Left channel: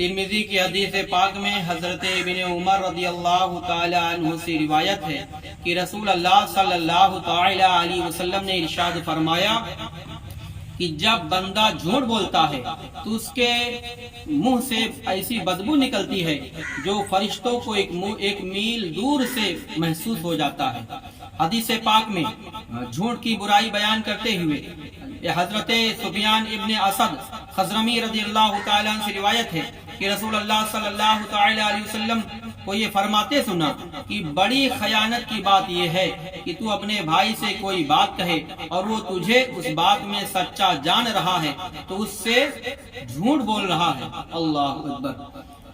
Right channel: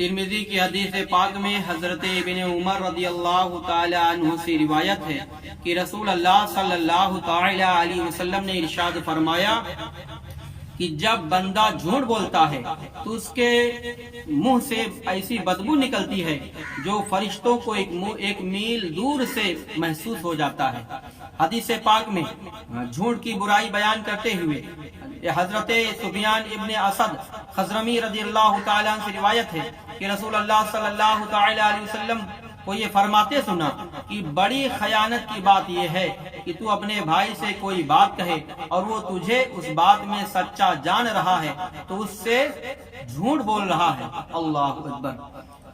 ترمذی کی حدیث پاک میں حضرت ابن عمر رضی اللہ تعالی عنہ سے روایت ہے کہ رسول اللہ صلی اللہ تعالی علیہ وسلم نے ارشاد فرمایا کہ جب بندہ جھوٹ بولتا ہے تو اس کے منہ سے ایسی بدبو نکلتی ہے جو فرشتوں کو ایک میل دور سے محسوس ہو جاتا ہے۔ حدیث پاک میں جھوٹ کی برائی بیان کرتے ہوئے حضرت سفیان ابن اسد خضرمی رضی اللہ تعالیٰ عنہ سے روایت ہے کہ رسول اللہ صلی اللہ تعالی علیہ وسلم کو یہ فرماتے سنا کہ بڑی خیانت کی بات یہ ہے کہ تو اپنے بھائی سے کوئی بات کہے اور وہ تجھے اس بات میں سچا جان رہا ہے تو اس سے جھوٹ بول رہا ہے۔ اللہ اکبر۔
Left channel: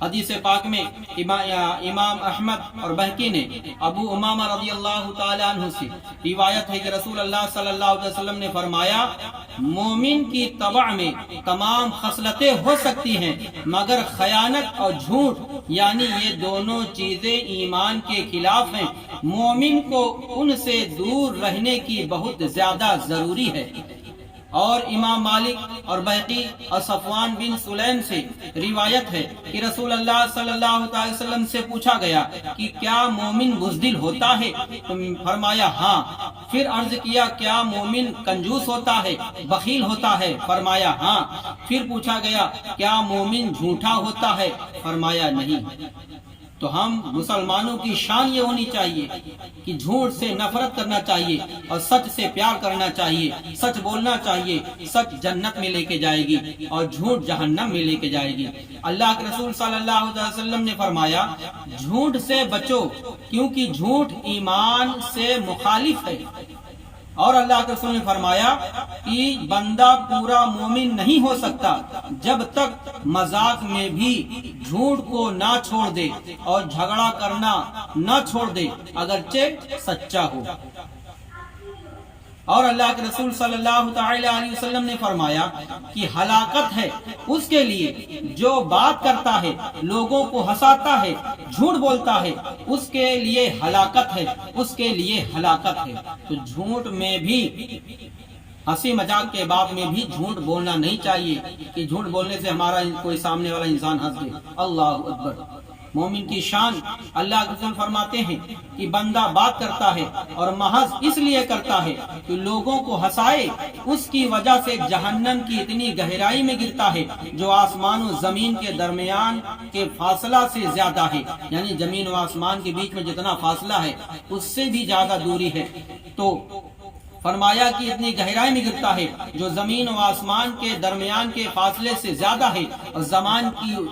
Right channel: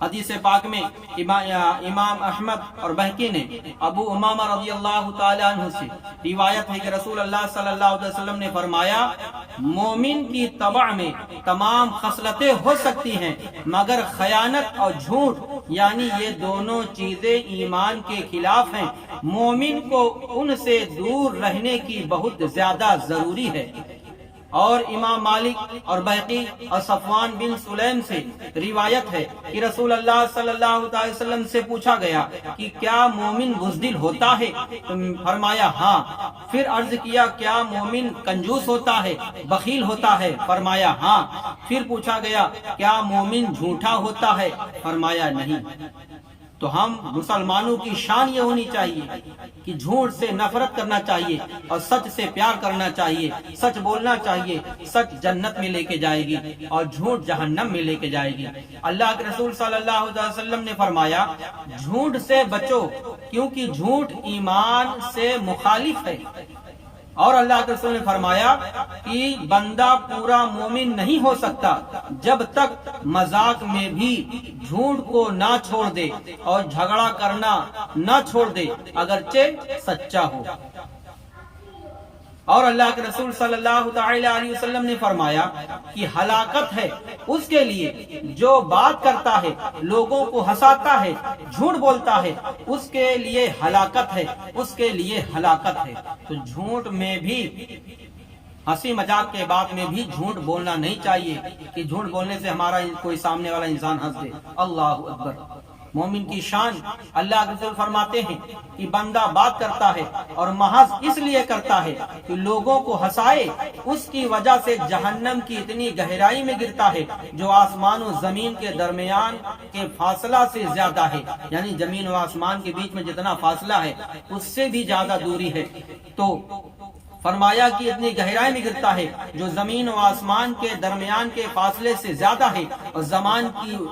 حدیث پاک میں امام احمد اور بہقی نے ابو امامہ رضی اللہ تعالی عنہ سے روایت ہے کہ رسول اللہ صلی اللہ علیہ وسلم نے فرمایا مومن کی طبع میں تمام خصلتیں ہو سکتی ہیں مگر خیانت اور جھوٹ یعنی یہ دونوں چیزیں ایمان کے خلاف ہیں، مومن کو ان سے دور رہنے کی بہت زیادہ ضروری ہے۔ اور امام مالک اور بہقی اور صفوان بن سلیم سے روایت ہے کہ رسول اللہ صلی اللہ علیہ وسلم سے پوچھا گیا کہ کیا مومن بزدل ہوتا ہے؟ تو فرمایا ہاں۔ پھر عرض کیا کیا مومن کنجوس ہوتا ہے، بخیل ہوتا ہے؟ فرمایا ہاں۔ پھر پوچھا گیا کیا مومن جھوٹا ہوتا ہے؟ فرمایا نہیں۔ تو ہم مسلمانوں کی شان یہ ہونی چاہیے کہ جھوٹ سے نفرت کرنا چاہیے اور سچ سے پیار کرنا چاہیے، سچ بولنا چاہیے۔ سچ جنت میں لے کے جائے گی اور جھوٹ جہنم میں لے کے جائے گی۔ اللہ کے رسول صلی اللہ علیہ وسلم نے فرمایا جھوٹ سے بچو کیونکہ جھوٹ ایمان سے مخالف ہے۔ اور اللہ کے رسول نے فرمایا کہ بندہ پورا مومن نہیں ہو سکتا جب تک مذاق میں بھی جھوٹ کو نہ چھوڑ دے اور جھگڑا کرنا نہ چھوڑ دے اگرچہ سچا ہو۔ اور اللہ کے رسول صلی اللہ تعالی علیہ وسلم نے فرمایا کہ ہلاکت ہے اس کے لیے جو بات کرتا ہے، لوگوں کو ہنساتا ہے، جھوٹ بولتا ہے، اس کے لیے ہلاکت ہے، اس کے لیے ہلاکت ہے۔ تو جھوٹ میں بھی ہنسی مذاق کے بات میں بھی جھوٹ بولنا نہیں چاہیے کہ جھوٹ بولنے سے ہمارا کوئی سامنے والا انسان ہنس دے۔ اللہ اکبر۔ مومن کی شان اللہ کے رسول فرماتے ہیں کہ بندہ بات کرتا ہے اور محض اس لیے کرتا ہے کہ لوگوں کو ہنسائے، اس کی وجہ سے جہنم کی اتنی گہرائی میں گرتا ہے جو آسمان و زمین کے درمیان کے فاصلہ سے زیادہ ہے، یعنی زمین و آسمان کے بیچ میں جتنا فاصلہ ہے اس سے بھی زیادہ دوری ہے۔ تو فرمایا کہ اتنی گہرائی میں گرتا ہے جو زمین و آسمان کے درمیان کے فاصلے سے زیادہ ہے، اور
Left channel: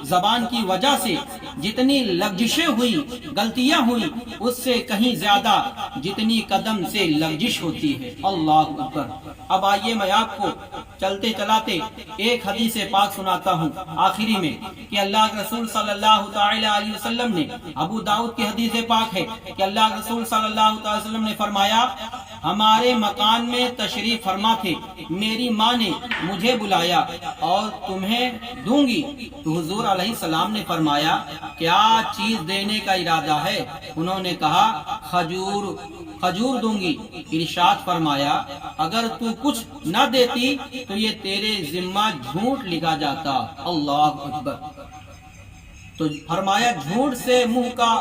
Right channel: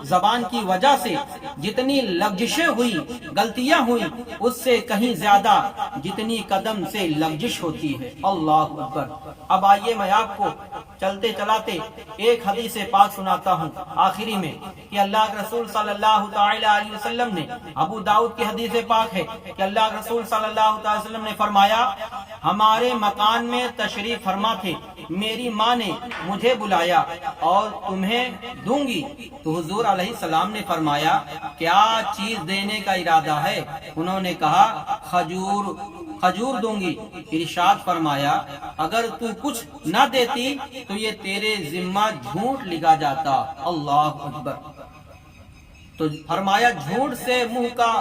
زبان کی وجہ سے جتنی لغزشیں ہوئی، غلطیاں ہوئی، اس سے کہیں زیادہ جتنی قدم سے لغزش ہوتی ہے۔ اللہ اکبر۔ اب آئیے میں آپ کو چلتے چلاتے ایک حدیث پاک سناتا ہوں آخری میں کہ اللہ کے رسول صلی اللہ تعالی علیہ وسلم نے، ابو داؤد کی حدیث پاک ہے کہ اللہ کے رسول صلی اللہ تعالی وسلم نے فرمایا ہمارے مکان میں تشریف فرما تھے، میری ماں نے مجھے بلایا اور تمہیں دوں گی۔ تو حضور علیہ السلام نے فرمایا کیا چیز دینے کا ارادہ ہے؟ انہوں نے کہا کھجور دوں گی۔ ارشاد فرمایا اگر تو کچھ نہ دیتی تو یہ تیرے ذمہ جھوٹ لکھا جاتا۔ اللہ اکبر۔ تو فرمایا جھوٹ سے منہ کا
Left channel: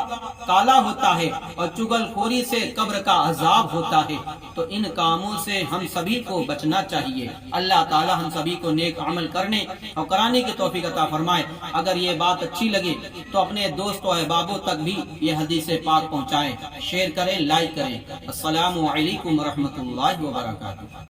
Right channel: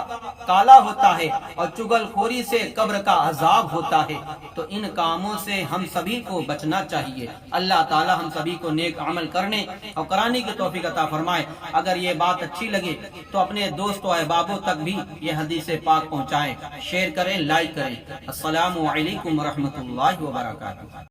کالا ہوتا ہے اور چگل خوری سے قبر کا عذاب ہوتا ہے۔ تو ان کاموں سے ہم سبھی کو بچنا چاہیے۔ اللہ تعالی ہم سبھی کو نیک عمل کرنے اور کرانے کی توفیق عطا فرمائے۔ اگر یہ بات اچھی لگے تو اپنے دوستوں و احبابوں تک بھی یہ حدیث پاک پہنچائیں، شیئر کریں، لائک کریں۔ السلام علیکم ورحمۃ اللہ وبرکاتہ۔